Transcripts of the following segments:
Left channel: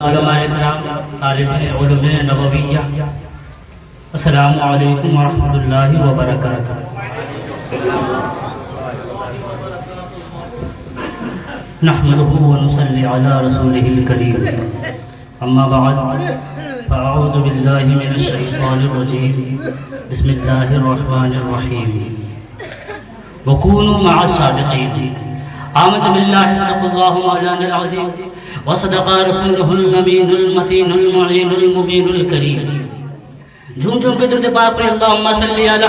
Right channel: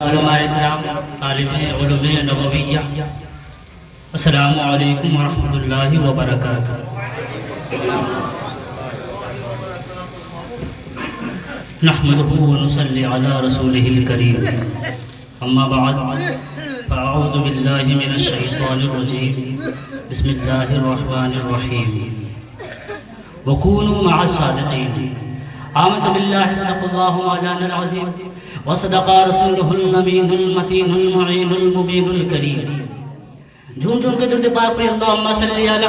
علماء کرام، طالب علوم نبویہ، السلام علیکم ورحمۃ اللہ وبرکاتہ۔ نحمده ونصلي على رسوله الكريم، اما بعد فاعوذ باللہ من الشیطان الرجیم، بسم اللہ الرحمن الرحیم۔ وکونوا مع الصادقین، آمنت باللہ صدق اللہ مولانا العظیم وصدق رسولہ الامین المتین المعین المبین الکریم۔ جھوم جھوم کے درود پاک پڑھیں، اللہم صلی علی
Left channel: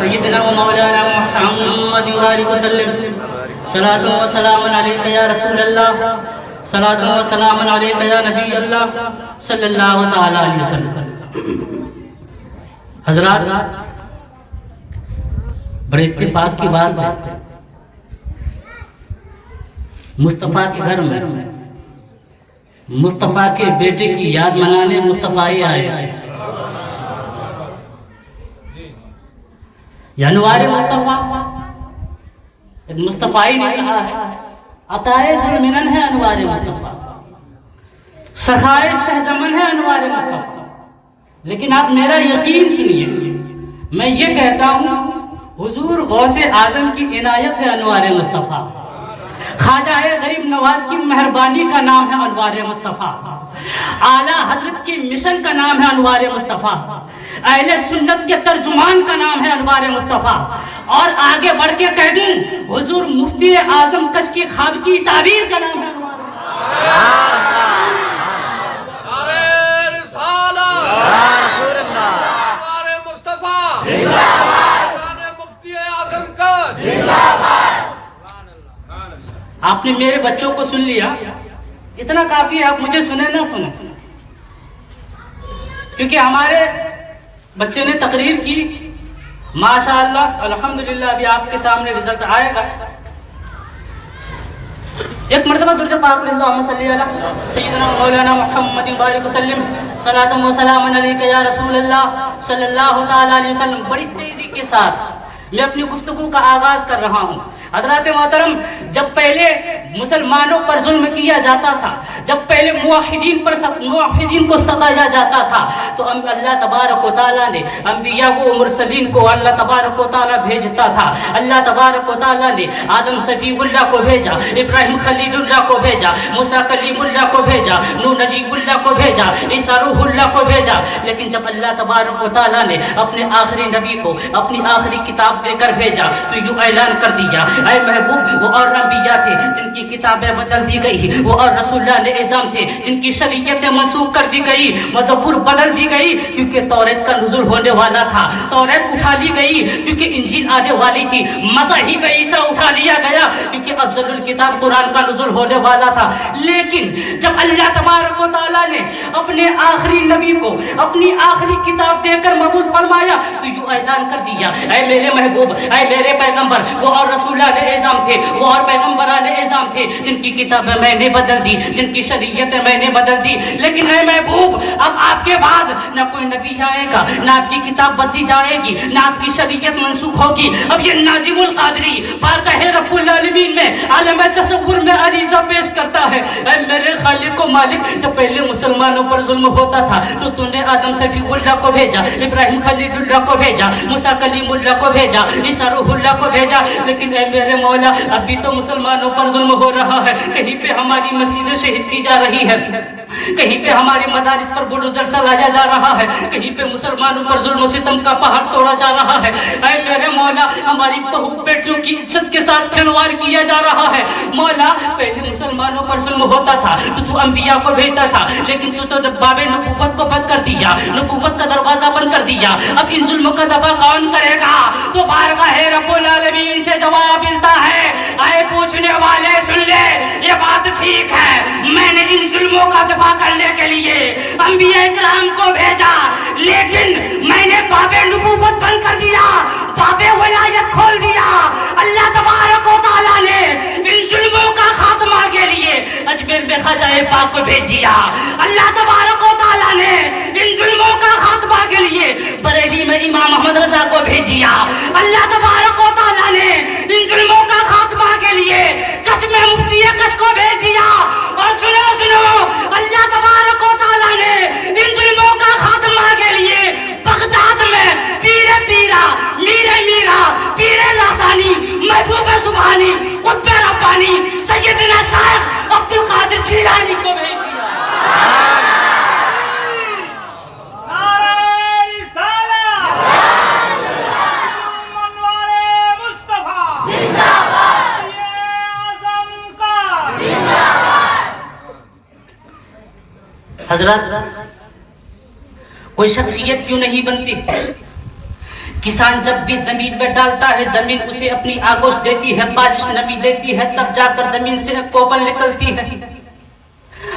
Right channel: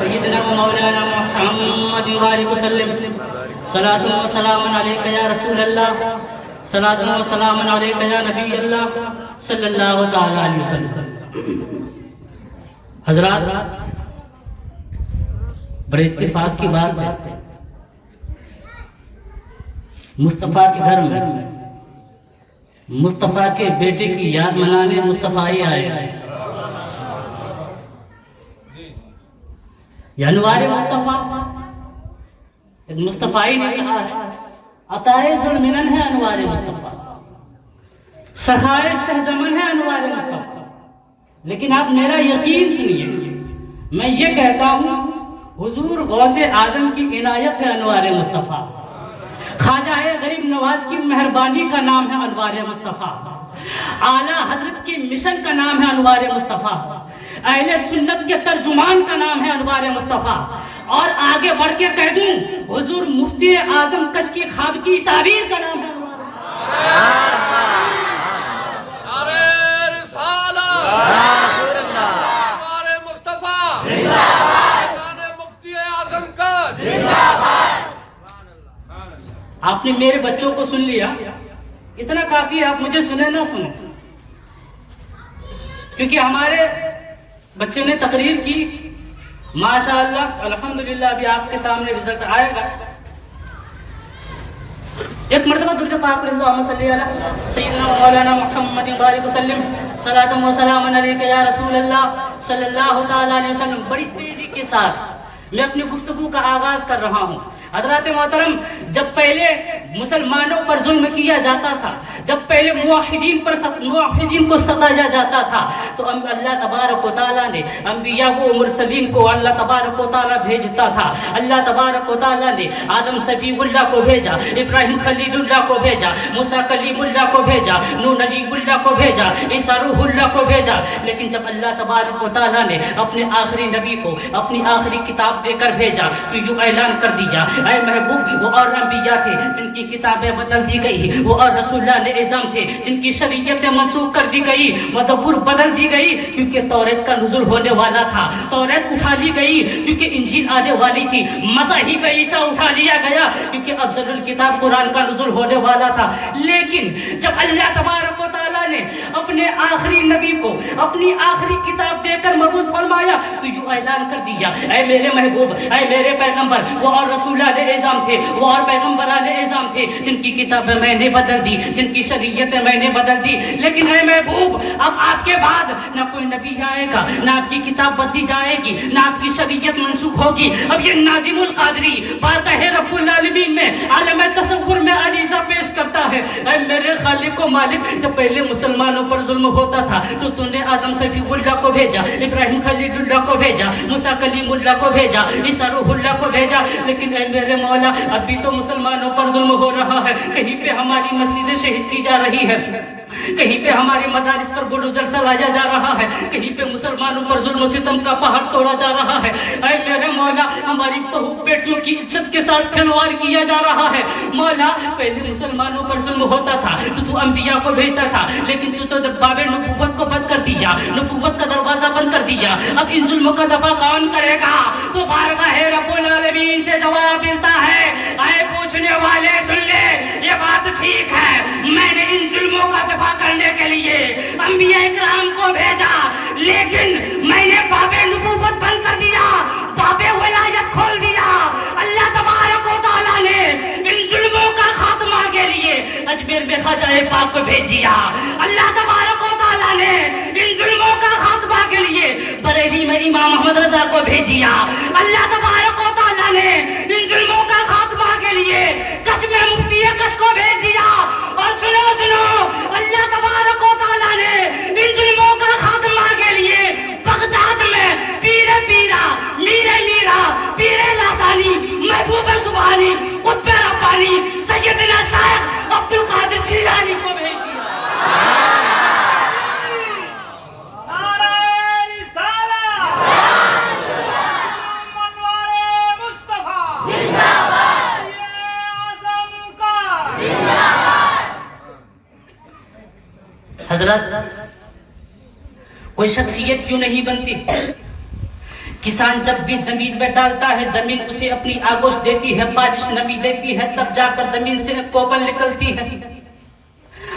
سیدنا و مولانا محمد وبارک وسلم۔ صلاۃ و سلام علیک یا رسول اللہ، صلاۃ و سلام علیک یا نبی اللہ صلی اللہ تعالی علیہ وسلم۔ حضرات، بڑے اتفاق کی بات ہے، مصطفیٰ کے گھر میں مصطفیٰ کے بیٹے کی یاد منانے مصطفیٰ ہی آئے۔ یا انوار مصطفیٰ، مصطفیٰ ہی نہیں کہا ہے، عطائے ذوالمنن ہے انوار مصطفیٰ، سخائے شہ زمن ہے انوار مصطفیٰ۔ لیکن آپ میرا یقین سنیے، میں یہ کہتا ہوں حضور غوث اعظم کی عنایت ہے انوار مصطفیٰ، خواجہ غریب نواز کی مہربانی کا نام ہے انوار مصطفیٰ، اعلیٰ حضرت کی مشن کا نام ہے انوار مصطفیٰ، اہل سنت کے ترجمان کا نام ہے انوار مصطفیٰ، اور آگے بڑھ کے کہہ دوں حضور مفتی اعظم کش کی خواب کی تعبیر کا نام ہے انوار مصطفیٰ۔ آپ نے میرے بچوں کو سن لیا، اتنا کافی ہے، آپ مجھے سنیں نہ سنیں، کیونکہ ہمارے بچے نے تقریر کی، ماشاءاللہ الحمدللہ، ابھی آپ کے سامنے رزلٹ آئے گا۔ ایک مرتبہ درود پاک پڑھیں، اللہم صلی علی سیدنا مولانا محمد وبارک وسلم، صلاۃ و سلام علیک یا رسول اللہ صلی اللہ تعالی علیہ وسلم۔ بڑی تیزی کے ساتھ میں اپنی گفتگو کا آغاز کر رہا ہوں۔ حضرات محترم، جب پہلے مسلمانوں پر ظلم کیا جاتا تھا، جب پہلے موحدین کو ستایا جاتا تھا، تو اللہ تبارک و تعالیٰ نے انبیاء و مرسلین کو اللہ تبارک و تعالیٰ بھیجتا تھا۔ اللہ تبارک و تعالیٰ نے آدم صفی اللہ کو بھیجا، ابراہیم خلیل اللہ کو بھیجا، موسیٰ کلیم اللہ کو بھیجا، نوح نجیب اللہ کو بھیجا، عیسیٰ روح اللہ کو بھیجا۔ لیکن جب اللہ تبارک و تعالیٰ نے اپنے آخری نبی کو اپنی آخری کتاب دے کر بھیجا تو یوں اعلان کر دیا، اے محبوب، وہ اور انبیاء تھے جن کی کتابیں بدل دی گئی، وہ اور رسول اللہ نے اعظام تھے جن کی شریعتیں منسوخ کر دی گئی، زبور بدل دی گئی کیونکہ توریت کا نزول ہونے والا تھا، توریت اٹھا لی گئی کیونکہ انجیل آنے والی تھی، مصاحف عیسیٰ اٹھا لیا گیا کیونکہ افضل الکتاب قرآن کا نزول ہونے والا تھا۔ لیکن جب اللہ تبارک و تعالیٰ نے اپنے آخری نبی کو اپنی آخری کتاب دے کر مبعوث فرمایا تو یوں اعلان کر دیا، اے میرے محبوب، اے میرے پیغمبر، وہ اور رسول اللہ نے اعظام تھے، وہ اور پیغمبران اعظام تھے جن کی کتابیں میں نے بدل دی، جن کی شریعتیں میں نے بدل دی۔ لیکن اے محبوب، اب آپ کے بعد نہ کوئی نبی آئے گا، نہ آپ کی کتاب بدلی جائے گی، نہ آپ کی شریعت منسوخ ہوگی۔ اب یہ ناظم القادری بارگاہ رب العالمین میں عالم تصور میں عریضہ پیش کرتا ہے، اے میرے خالق و مالک، جب پہلے مسلمانوں پر ظلم ہوتا تھا تو تم نے آدم صفی اللہ کو بھیجا، ابراہیم خلیل اللہ کو بھیجا، موسیٰ کلیم اللہ کو بھیجا، عیسیٰ روح اللہ کو بھیجا۔ لیکن اے میرے مولا، ابھی تو مسلمانوں پر ظلم ہو رہا ہے، کہیں پہ ہماری مسجدیں شہید کی جا رہی ہے، کہیں پہ ہمارے مدارس پر بلڈوزر چلایا جا رہا ہے، کہیں پہ مسلمانوں پر ظلم و ستم کا پہاڑ توڑا جا رہا ہے۔ اے میرے مولا، ہماری بہو بیٹیوں کی عزت کے ساتھ کھلواڑ کیا جا رہا ہے۔ مولا، پہلے مسلمانوں پر ظلم ہوتا تھا تو انبیاء کو بھیجتا تھا، لیکن تو باب نبوت کو بند کر دیا، نبوت کا دروازہ بند کر دیا۔ اب ان ظلموں کا دفع کون کرے گا؟ تو بارگاہ رب العالمین سے جواب ملتا ہے، اے پوچھنے والے سن لے، یہ بات ٹھیک ہے، میں نے ان ظلموں کا دفاع کرنے کے لیے انبیاء کرام کو بھیجا، لیکن میں نے باب نبوت بند کر دیا، باب ولایت کھول دیا۔ اللہ تبارک و تعالیٰ نے ان ظلموں کا خاتمہ کے لیے اجمیر میں خواجہ پاک کو بھیج دیا۔ اللہ تبارک و تعالیٰ نے ان ظلموں کا خاتمہ کے لیے بریلی میں امام محمد رضا کو بھیج دیا۔ اللہ تبارک و تعالیٰ نے ان ظلموں کا خاتمہ کے لیے کش میں مفتی کش کو بھیج دیا۔ اور سنو القادر جیلانی کو بھیج دیا۔ حضرات، کوئی شخصیت کیوں نہیں بنتی؟ کسان جب بھی زمین میں ڈالتا ہے، زمین اسے اپنی آگوش دیتی ہے، بارش نمی دیتی ہے، تب جا کر زمین سے ایک کوپل نکلتی ہے۔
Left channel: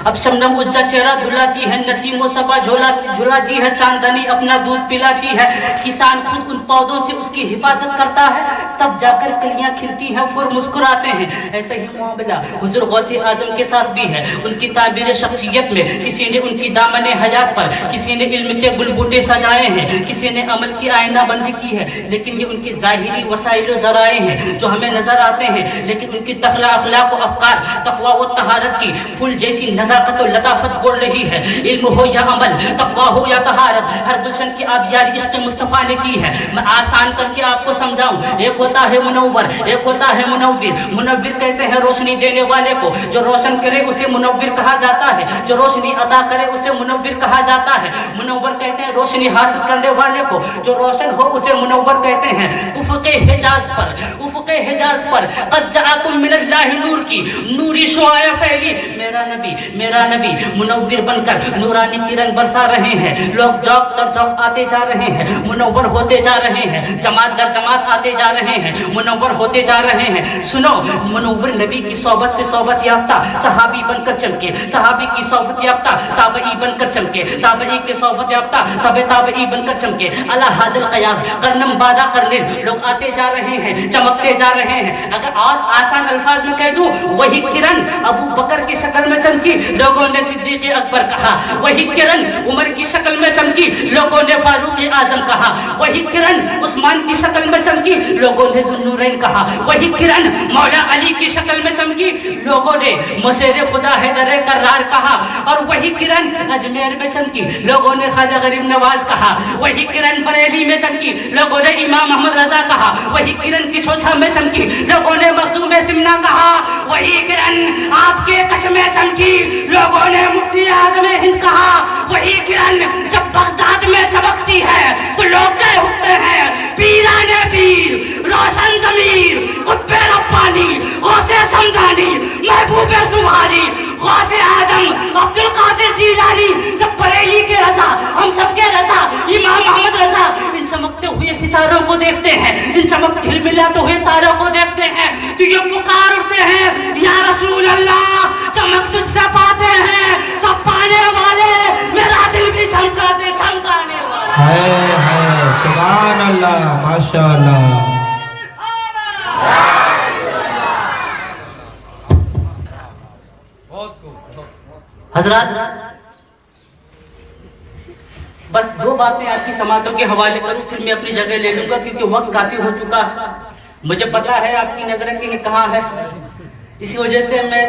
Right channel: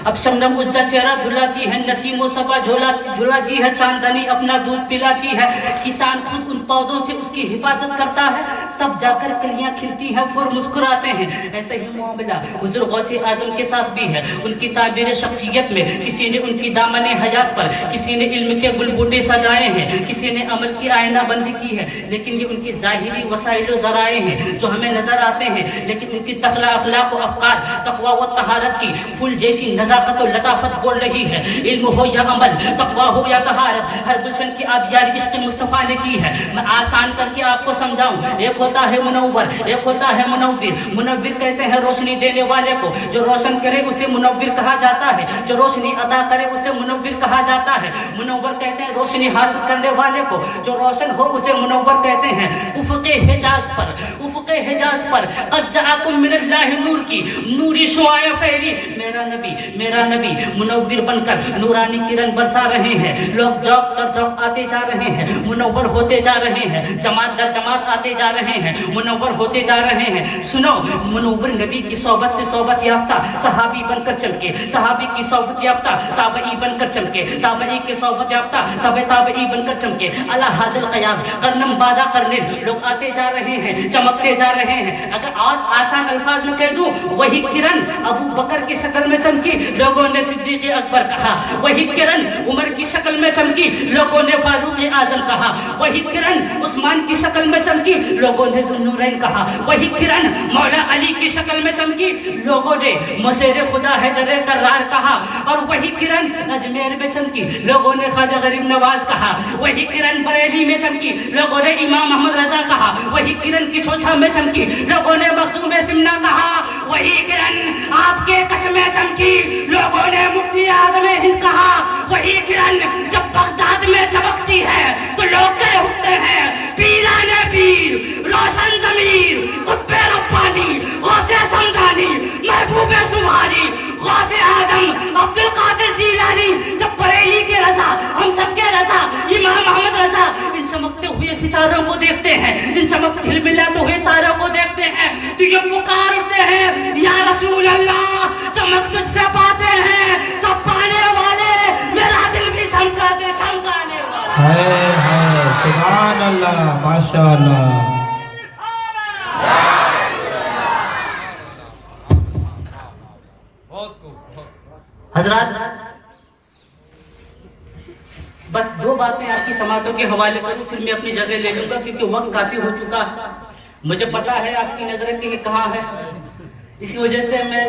اب شبنم اس کا چہرہ دھلاتی ہے، نسیم و صبا جھلاتی ہے، چاندنی اپنا دودھ پلاتی ہے۔ کسان خود ان پودوں سے اس کی حفاظت کرتا ہے، تب جا کر کلیاں کھلتی ہیں، پھر مسکراتے ہیں۔ ایسا ہی معاملہ حضور غوث اعظم کے ساتھ بھی ہے۔ ان کی تعبیر شخصیت میں کسی نے ان کی دامن حیات پر، کسی نے علم کے گل بوٹے سجائے ہیں، کسی نے عمل کی آئینہ بندی کی ہے، لیکن یہ ان کی ظاہری وسائل و ذرائع ہیں جو ہمیں نظر آتے ہیں، لیکن ان کی تخلا اخلاق و افکار، تقویٰ و طہارت کی پھول جیسی نزاکت و لطافت بول رہی ہے۔ علم ہو یا عمل، تقویٰ ہو یا طہارت، ہر گلشن کی آبیاری عشق مصطفیٰ نے کی ہے۔ میں آسان کر کے آپ کو سمجھاؤں، ایک ہوتا ہے منور، ایک ہوتا ہے منور۔ منور کہتے ہیں روشنی دینے والے کو، جو روشن کرے اسے منور کہا جاتا ہے، جو روشنی عطا کرے اسے منور کہا جاتا ہے۔ منور کہتے ہیں روشنی حاصل کرنے والے کو، جو روشن ہو اسے منور کہتے ہیں۔ افق حجاز پر، افق حجاز پر قد جاءکم من اللہ نور کی نوری شعاع پھیلی۔ میرا نبی منور بن کر نورانی کرن برسا رہے ہیں۔ لوگ جوق در جوق آتے جا رہے ہیں، منور ہوتے جا رہے ہیں، جماعت در جماعت آتے جا رہے ہیں، منور ہوتے جا رہے ہیں۔ سنو، منور نبی کی صحبت سے صحبت یافتہ صحابی بن کر چمکے، صحابی کی صحبت یافتہ تابعی بن کر چمکے، تابعی کی صحبت یافتہ تابعی بن کر چمکے۔ اللہ حاض القیاس قرنم بادا قرن، لوگ آتے جا رہے ہیں، چمکتے جا رہے ہیں۔ اگر اور آسان الفاظ میں کہہ دوں، وہی کرن ابو بکر کی شکل میں چمکی، لوگوں نے صدیق اکبر کہا۔ وہی کرن عمر کی شکل میں چمکی، لوگوں نے فاروق اعظم کہا۔ وہی کرن عثمان کی شکل میں چمکی، لوگوں نے ذوالنورین کہا۔ وہی کرن مولا علی کی شکل میں چمکی، لوگوں نے مشیر خدا حیدر کرار کہا۔ اور وہی کرن اجمیر میں چمکی، لوگوں نے خواجہ غریب نواز کہا۔ وہی کرن بریلی میں چمکی، لوگوں نے امام محمد رضا کہا۔ وہی کرن کچھوچھا میں چمکی، لوگوں نے مخدوم سمنا کہا۔ وہی کرن آپ کے کچھ میں چمکی، لوگوں نے مفتی اعظم ہند کہا۔ وہی کرن جب بغداد میں چمکتی ہے تو لوگ کہہ اٹھتے ہیں پیرانے پیر، روشن ضمیر، قطب ربانی، غوث سمدانی، محبوب سبحانی، غوث اعظم عبد القادر جیلانی۔ جب بریلی کے رضا، ہم سب کے رضا امام محمد رضا ان چمکتے ہوئے ستاروں کو دیکھتے ہیں، ان چمک جھلملاتے ہوئے تاروں کو دیکھتے ہیں تو یہ پکار اٹھتے ہیں یا رسول اللہ، چمک تجھ سے پاتے ہیں سب پانے والے، میرا دل بھی چمکا دے چمکانے والے۔ ہائے ہائے سبحان اللہ، ماشاء اللہ۔ حضرات، بس دو باتیں آپ کی سماعتوں کے حوالے کروں، پھر میں اپنی جگہ لے لوں گا کیونکہ وقت کافی ہو چکا ہے۔ مجھے پتا ہے آپ کی نظریں کہ یہ کہاں ہے، اسی وجہ سے میں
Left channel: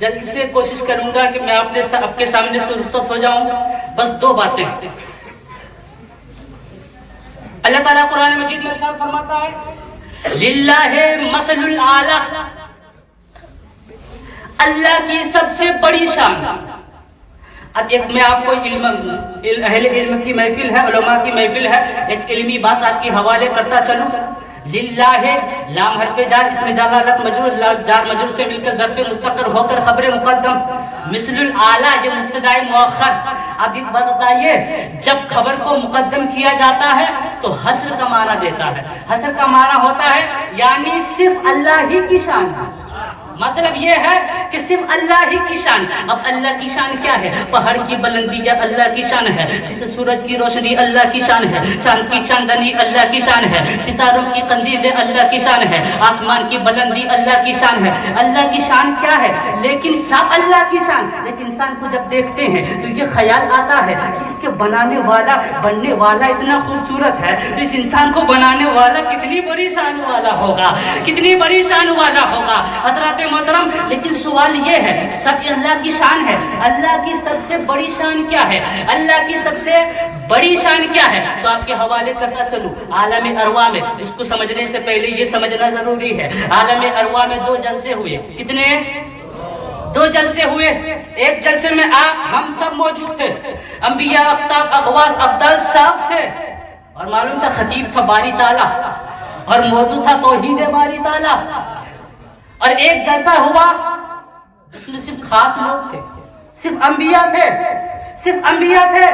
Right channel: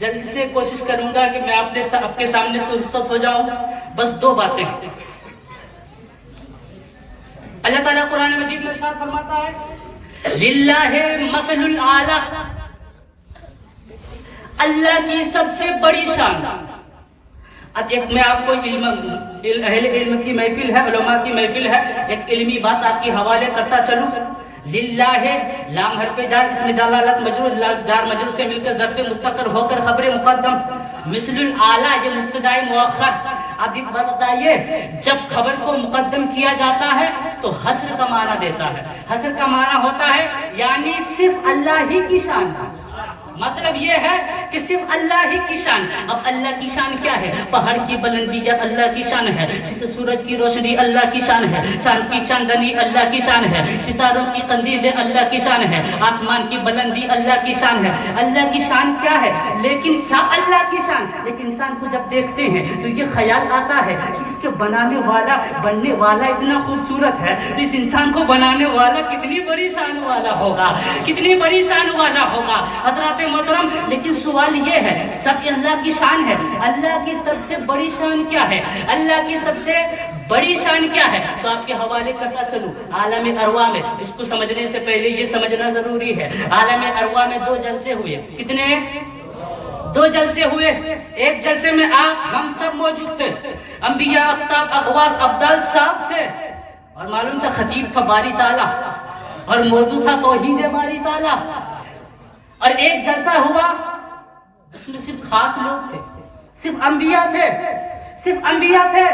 جلد سے کوشش کروں گا کہ میں آپ کے سامنے سے رخصت ہو جاؤں۔ بس دو باتیں۔ اللہ تعالیٰ قرآن مجید میں ارشاد فرماتا ہے للہ مثل الاعلیٰ، اللہ کی سب سے بڑی شان۔ اب ایک میں آپ کو اہل علم کی محفل ہے، علماء کی محفل ہے، ایک علمی بات آپ کے حوالے کرتا چلوں۔ للہ ہے لام حرف جار، اس میں جلالت مجرور، جار مجرور سے مل کر ظرف مستقر ہو کر خبر مقدم، مثل الاعلیٰ یہ مبتداء مؤخر۔ اب ایک بات بتائیے، جب خبر کو مقدم کیا جاتا ہے تو حصر کا معنی دیتا ہے۔ حصر کا معنی ہوتا ہے یعنی صرف اللہ ہی کی شان، مطلب یہ ہے کہ صرف اللہ ہی کی شان۔ اب اللہ کی شان کیا ہے؟ پہاڑ کی بلندی یہ اللہ کی شان ہے، سورج کی روشنی اللہ کی شان ہے، چاند کی چاندنی اللہ کی شان ہے، ستاروں کی قندیل اللہ کی شان ہے، آسمان کی بلندی اللہ کی شان ہے۔ اللہ کی شان کیا ہے؟ لیکن سب اللہ کی شان، لیکن انسان کو جب دیکھتے ہیں تو یہ خیال آتا ہے کہ اس کے بننے والا اتنا خوبصورت ہے، تو اس انسان کو بنانے والا کتنی بڑی شان والا ہوگا، کتنی بڑی شان والا ہوگا۔ حضرات محترم، لیکن سوال یہ ہے سب اللہ کی شان ہے، اللہ کی سب سے بڑی شان کیا ہے؟ اللہ کی سب سے بڑی شان کیا ہے؟ تو آپ کے حوالے کرتا چلوں عالم ارواح میں۔ اس کو سمجھنے سے پہلے یہ سمجھنا ضروری ہے، عالم ارواح میں 2 جلسے ہوئے، کتنے؟ دو جلسے ہوئے، ایک جلسے میں آپ ہم سب موجود تھے، انبیاء اقطاب اغواس ابدال صاحب تھے، اور معلوم تھا خطیب تھا باری تعالیٰ، اور موضوع تھا توحید باری تعالیٰ۔ اور ایک جلسہ ہوا جس میں صرف خاص لوگ تھے، صرف انبیاء تھے، صرف انبیاء تھے،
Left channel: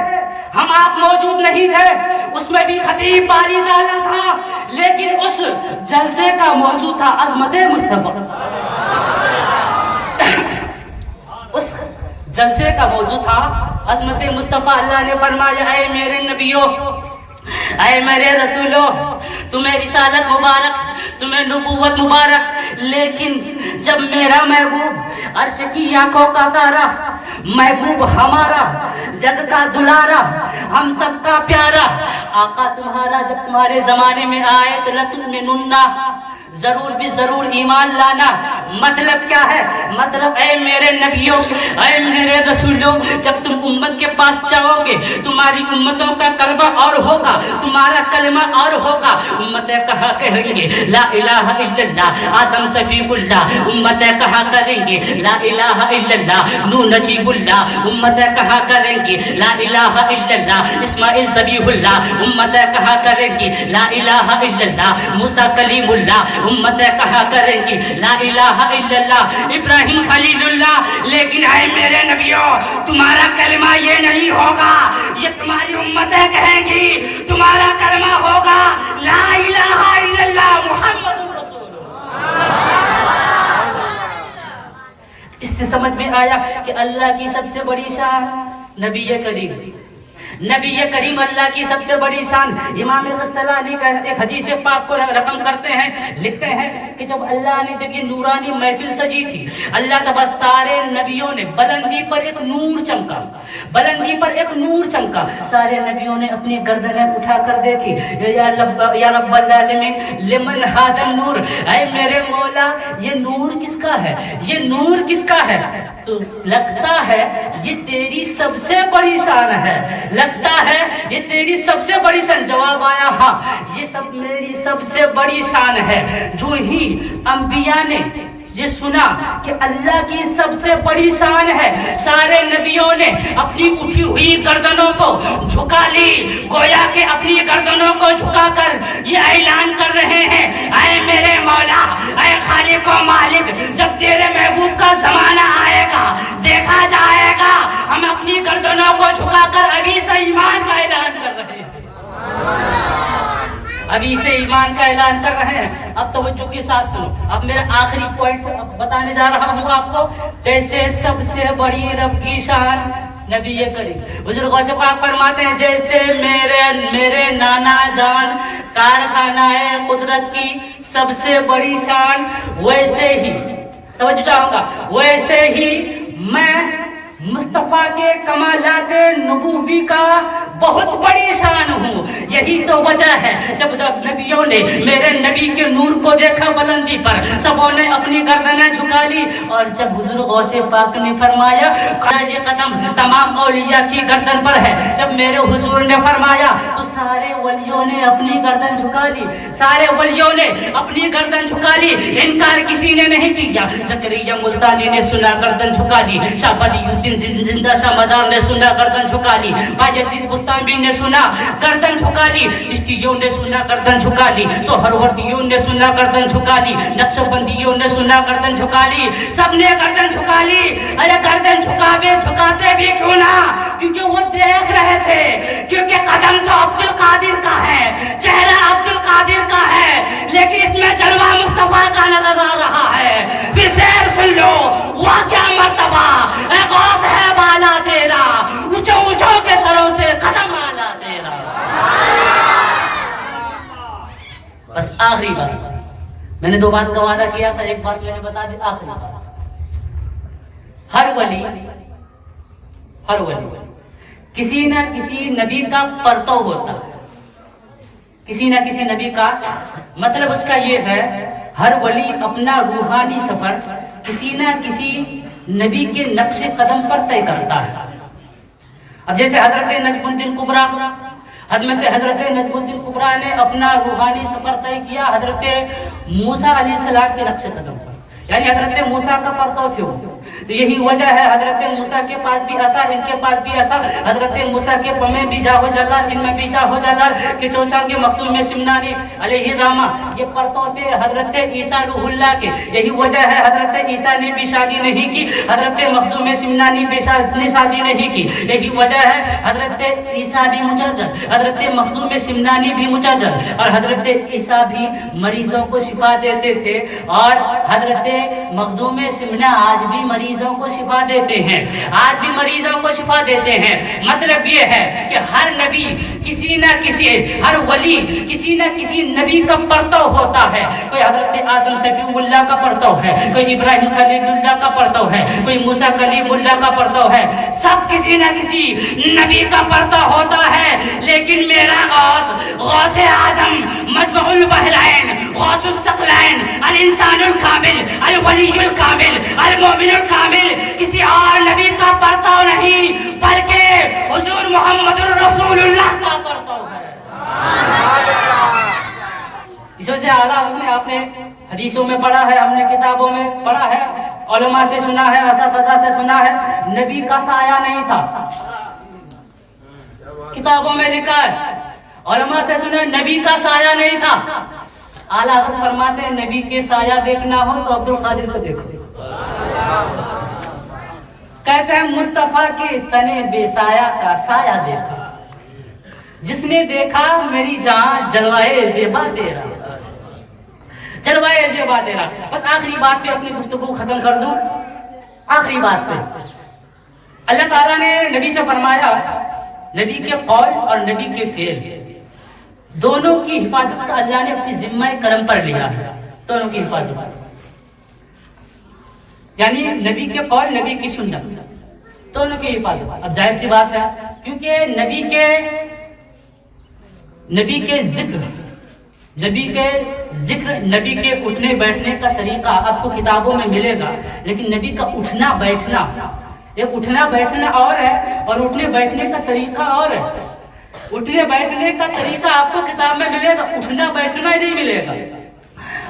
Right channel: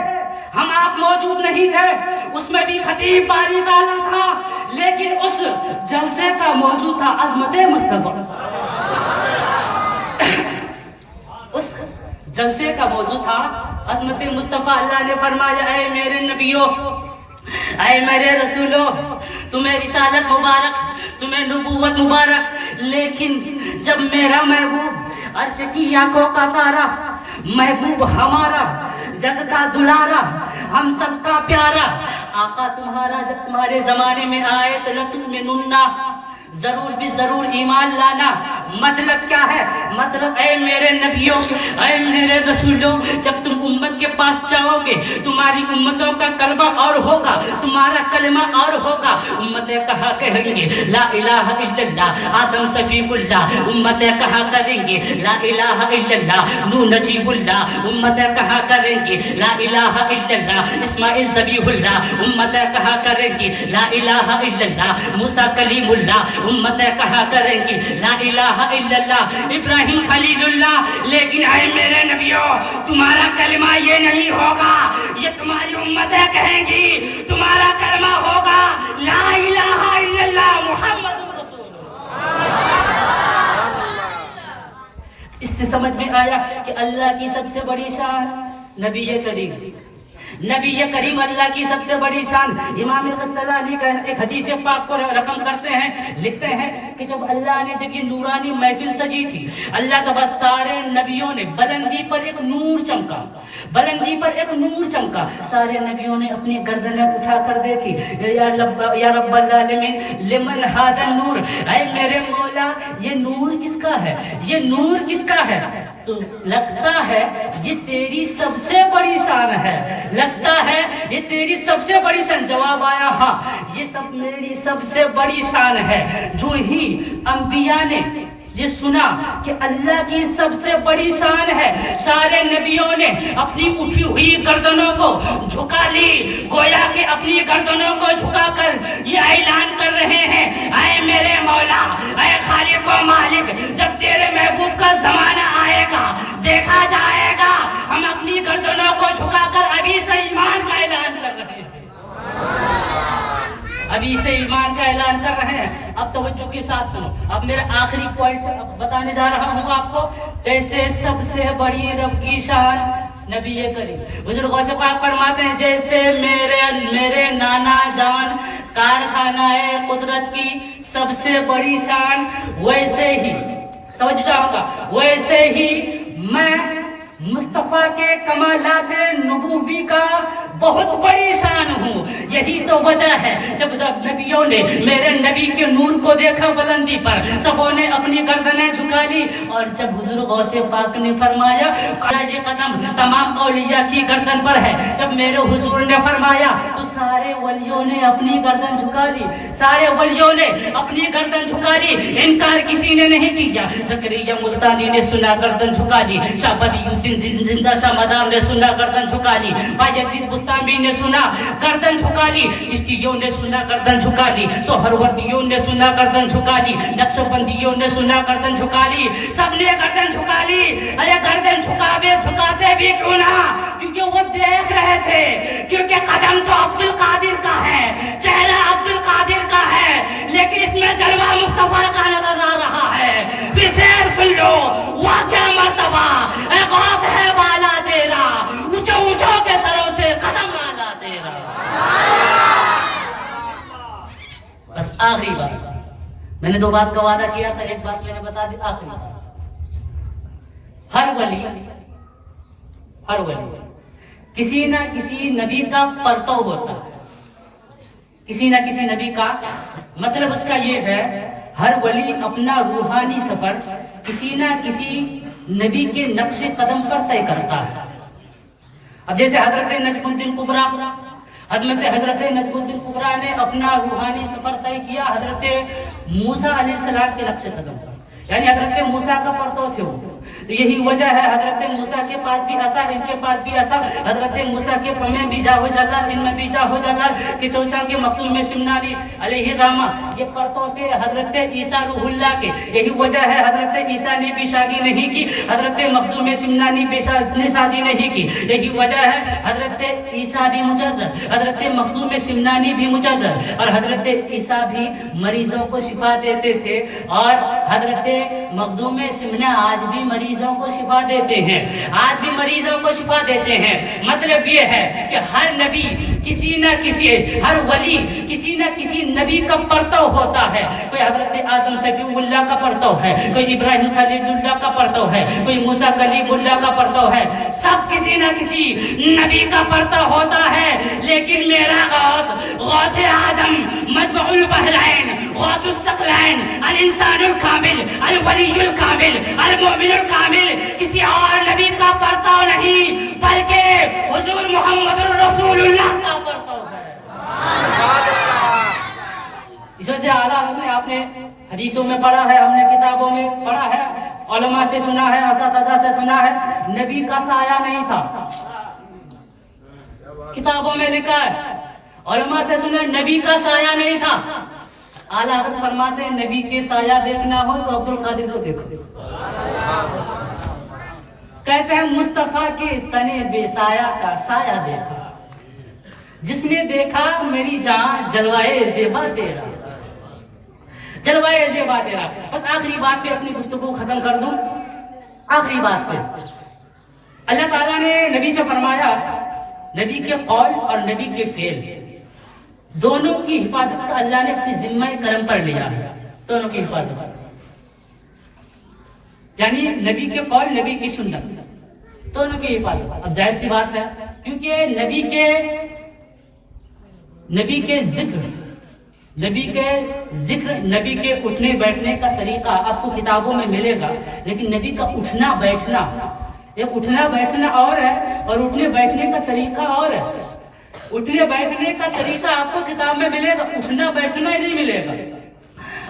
ہم آپ موجود نہیں تھے، اس میں بھی خطیب باری تعالیٰ تھا، لیکن اس جلسے کا موضوع تھا عظمت مصطفیٰ۔ اس جلسے کا موضوع تھا عظمت مصطفیٰ۔ اللہ نے فرمایا اے میرے نبیوں، اے میرے رسولوں، تمہیں رسالت مبارک، تمہیں نبوت مبارک، لیکن جب میرا محبوب عرش کی آنکھوں کا تارا، محبوب ہمارا جگ کا دلارا، ہم سب کا پیارا آقا تمہارا جب تمہارے زمانے میں آئے تو لتؤمنن، ضرور بھی ضرور ایمان لانا۔ مطلب کیا ہے؟ مطلب اے میرے نبیوں، اے میرے رسولوں، جب تم امت کے پاس جاؤ گے تمہاری امتوں کا کلمہ اور ہوگا، تمہارا کلمہ اور ہوگا۔ امتیں کہا کہیں گے لا الہ الا اللہ آدم صفی اللہ، امتیں کہا کریں گے لا الہ الا اللہ نوح نجیب اللہ، امتیں کہا کریں گے لا الہ الا اللہ اسماعیل ذبیح اللہ، امتیں کہا کریں گے لا الہ الا اللہ موسیٰ کلیم اللہ، امتیں کہا کریں گی لا الہ الا اللہ ابراہیم خلیل اللہ۔ لیکن اے میرے نبیوں، تمہارا کلمہ یہ نہیں ہوگا، یہ تمہاری امتیں کہیں گی، تمہارا کلمہ ہوگا لا الہ الا اللہ محمد رسول اللہ۔ اس سے سمجھ میں آیا کہ اللہ کی سب سے بڑی شان نبی کریم، نبی کریم اللہ کی سب سے بڑی شان۔ امام قسطلانی کا ایک حدیث پاک کو رقم کرتے ہیں، لکھتے ہیں کہ جب اللہ نے جب یہ نورانی محفل سجی تھی، اللہ تبارک سارے نبیوں نے بلندی پر ایک نور چمکا، بلندی پر ایک نور چمکا، سارے نبیوں نے اپنی گردنیں اٹھا کر دیکھی، یا رب العالمین لمن ھذا النور، اے میرے مولا یہ نور کس کا ہے، یہ نور کس کا ہے؟ تو لگتا ہے یہ تیری سب سے بڑی شان ہے، لگتا ہے یہ تیری سب سے بڑی شان۔ جواب آیا ہاں یہ سب میری سب سے بڑی شان ہے۔ جو ہی انبیاء نے یہ سنا کہ اللہ کی سب سے بڑی شان ہے، سارے نبیوں نے اپنی اٹھی ہوئی گردنوں کو جھکا لی، گویا کہ اپنی گردنوں کو جھکا کر یہ اعلان کر رہے ہیں اے میرے مولا، اے خالق و مالک، جب تیرے محبوب کا زمانہ آئے گا دیکھا جائے گا ہم اپنی گردنوں کو جھکا کر ابھی سے ایمان کا اعلان کر رہے ہیں، ابھی سے ایمان کا اعلان کر رہے ہیں۔ اب توجہ کے ساتھ سنو، اب میرا آخری پوائنٹ بتانے جا رہا ہوں آپ کو۔ جیسے سب سے بڑی رب کی شان نبی کریم، حضور غوث پاک فرماتے ہیں جیسے میرے نانا جان کارخانہ قدرت کی سب سے بڑی شان، ویسے ہی توجہ چاہوں گا، ویسے ہی میں مصطفیٰ کے کمالات نبوی کا بہت بڑی شان ہوں۔ یہی تو وجہ ہے جب نبیوں نے میرے نبی کے نور کو دیکھا بلندی پر، سبوں نے اپنی گردنیں جھکا لی، اور جب حضور غوث پاک نے فرمایا یہ قدم تمام اولیاء کی گردن پر ہے، جب میرے حضور نے فرمایا تو سارے ولیوں نے اپنی گردن جھکا لی، سارے ولیوں نے اپنی گردن جھکا لی، انکار کسی نے نہیں کیا۔ زکریا ملتانی نے سنا گردن جھکا لی، شاہ بدی الدین زندہ شاہ مدار نے سنا گردن جھکا لی، باجزید بستامی نے سنا گردن جھکا لی، چشتیوں نے سنا گردن جھکا لی، سہروردیوں نے سنا گردن جھکا لی، نقشبندیوں نے سنا گردن جھکا لی، سب نے گردن جھکا لی۔ ارے گردن جھکاتے بھی کیوں نہ، کیونکہ وہ دیکھ رہے تھے، کیونکہ قدم تو عبد القادر کا ہے، چہرہ عبد القادر کا ہے، لیکن اس میں جلوہ مصطفیٰ کا نظر آ رہا ہے۔ پھر شعر سن لو، وہ کیا مرتبہ اے غوث ہے بالا تیرا، اونچوں اونچوں کے سروں سے قدم آنا تیرا۔ بس آخری بات، میں نے دو بات کا وعدہ کیا تھا، ایک بات میں نے بتا دی، آخری بات۔ ہر ولی کسی نہ کسی نبی کا پرتو ہوتا ہے، کسی نہ کسی نبی کا، مطلب اس کا یہ ہے ہر ولی اپنا روحانی سفر کسی نہ کسی نبی کے نقش قدم پر طے کرتا ہے۔ اب جیسے حضرت نجم الدین کبریٰ، حضرت نجم الدین کبریٰ نے اپنا روحانی سفر طے کیا حضرت موسیٰ علیہ السلام کے نقش قدم پر، یعنی حضرت موسیٰ کا پرتو کیوں؟ یہی وجہ ہے حضرت موسیٰ کے پاس بھی عصا، ان کے پاس بھی عصا. حضرت موسیٰ کے پمیں بھی جاہو جلال، ان میں بھی جاہو جلال کہ چوچا کے مختوم میں سمنانی علیہ الرحمہ یہ پرتو تھے حضرت عیسیٰ روح اللہ کے. یہی وجہ ہے حضرت عیسیٰ نے بھی شادی نہیں کی، حضرت مختوم میں سمنانی نے شادی نہیں کی. یہی وجہ ہے حضرت عیسیٰ بھی مجرد، حضرت مختوم سمنانی بھی مجرد، اور حضرت عیسیٰ بھی مریضوں کو شفا دیتے تھے، اور حضرت مخدوم سمنا آج بھی مریضوں کو شفا دیتے ہیں، آج بھی مریضوں کو شفا دیتے ہیں. مطلب یہ ہے کہ ہر نبی کسی نہ کسی، ہر ولی کسی نہ کسی نبی کا پرتو ہوتا ہے. کوئی حضرت آدم صفی اللہ کا پرتو ہے، کوئی ابراہیم خلیل اللہ کا پرتو ہے، کوئی موسیٰ کلیم اللہ کا پرتو ہے. سب کسی نہ کسی نبی کا پرتو ہوتا ہے. لیکن میرا غوث اعظم مجمع البحرین، غوث الثقلین، الانسان الکامل، الولی الکامل، المؤمن الکامل کسی اور نبی کا پرتو نہیں بلکہ حضور محمد الرسول اللہ کا پرتو ہے. اس وجہ سے اعلیٰ آپ نے حدیثوں میں پڑھا ہے، ہم نے کتابوں میں پڑھا ہے، علماء سے سنا ہے، اساتذہ سے سنا ہے، نبی کا سایہ نہیں تھا. کتابوں میں لکھا ہے، علماء سے سنا ہے، نبی کا سایہ نہیں تھا. اعلیٰ حضرت فرماتے ہیں نبی کے سایہ دیکھنا ہو تو عبد القادر کو دیکھو. کہتے ہیں مصطفیٰ کے تنے بے سایہ کا سایہ دیکھا، جس نے دیکھا میری جان جلوائے زیبا دے رہا، جلوائے زیبا دے رہا. بس آخری بات پہ اپنی گفتگو ختم کر دوں. آخری بات پہ اللہ تعالیٰ نے نبی سے فرمایا، نبی کے قول اور نبی کے فعل دونوں کی حفاظت کا اللہ نے اپنی ذمہ کرم پر لیا ہے. دونوں کی حفاظت، یعنی نبی کے قول، نبی کی سنت، دونوں کی حفاظت. اب ظاہر سی بات ہے کیونکہ نبی کے ذکر، نبی کے اٹھنے بیٹھنے کا طریقہ آپ کو کتابوں میں ملے گا، لیکن نبی کا اٹھنا بیٹھنا، ایک اٹھنا بیٹھنا اور ہے اور اٹھنے بیٹھنے کا طریقہ اور ہے. اٹھنے بیٹھنے کا طریقہ آپ کو کتاب میں ملے گا، اٹھنا بیٹھنا ہی نہیں ملے گا.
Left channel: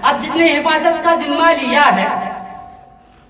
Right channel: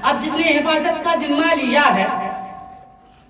اب جس نے حفاظت کا ذمہ لیا ہے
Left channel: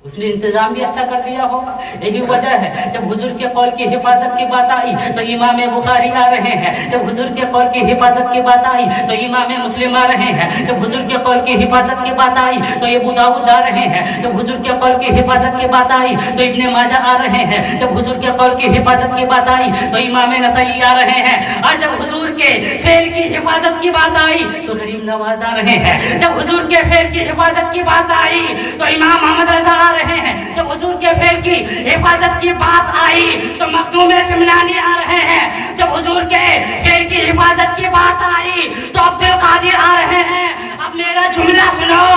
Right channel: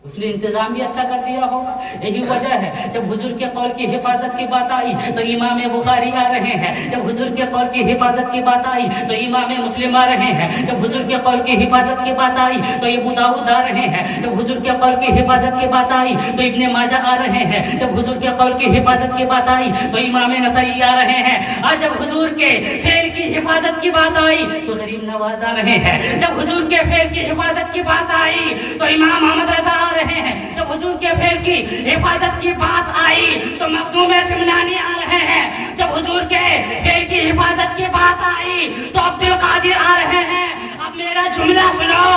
اس نے انتظام بھی اچھا کر دیا ہوگا. یہی وجہ ہے جب حضور کے قول کی حفاظت کی بات آئی تو امام بخاری آ رہے ہیں، جب حضور کے قول کی حفاظت کی بات آئی تو امام مسلم آ رہے ہیں، جب حضور کے قول کی حفاظت کی بات آئی تو ابو داؤد آ رہے ہیں، جب حضور کے قول کی حفاظت کی بات آئی تو ابن ماجہ آ رہے ہیں، جب حضور کے قول کی حفاظت کی بات آئی تو امام نسائی آ رہے ہیں، اور جب حضور کے فعل کی حفاظت کی بات آئی تو غریب نواز آ رہے ہیں، جب حضور کے فعل کی حفاظت کی بات آئی تو امام محمد رضا رہے ہیں، جب حضور کے فعل کی حفاظت کی بات آئی تو مخدوم سمنانی آ رہے ہیں، جب حضور کے فعل کی حفاظت کی بات آئی تو عبد القادر آ رہے ہیں. اب میرا جملہ سنو،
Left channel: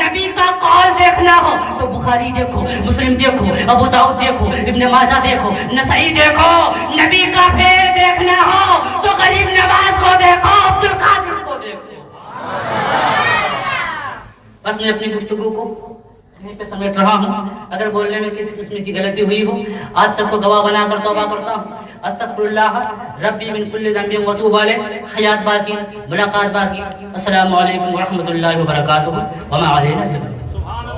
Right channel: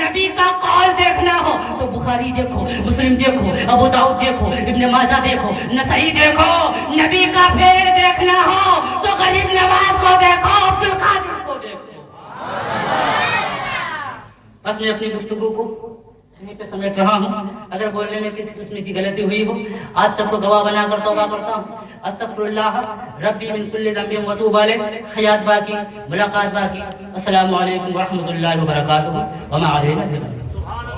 نبی کا قول دیکھنا ہو تو بخاری دیکھو، مسلم دیکھو، ابو داؤد دیکھو، ابن ماجہ دیکھو، نسائی دیکھو. نبی کا فعل دیکھنا ہو تو غریب نواز کو دیکھو، عبد القادر کو دیکھو. بس میں اپنی گفتگو کو یہیں پہ سمیٹ رہا ہوں. اگر بولنے میں کسی قسم کی غلطی ہوئی ہو آپ سب کو گواہ بنا کر توبہ کرتا ہوں. استغفر اللہ ربی من کل ذنب واتوب الیہ. حیات باقی، ملاقات باقی. السلام علیکم ورحمۃ اللہ وبرکاتہ. وما علینا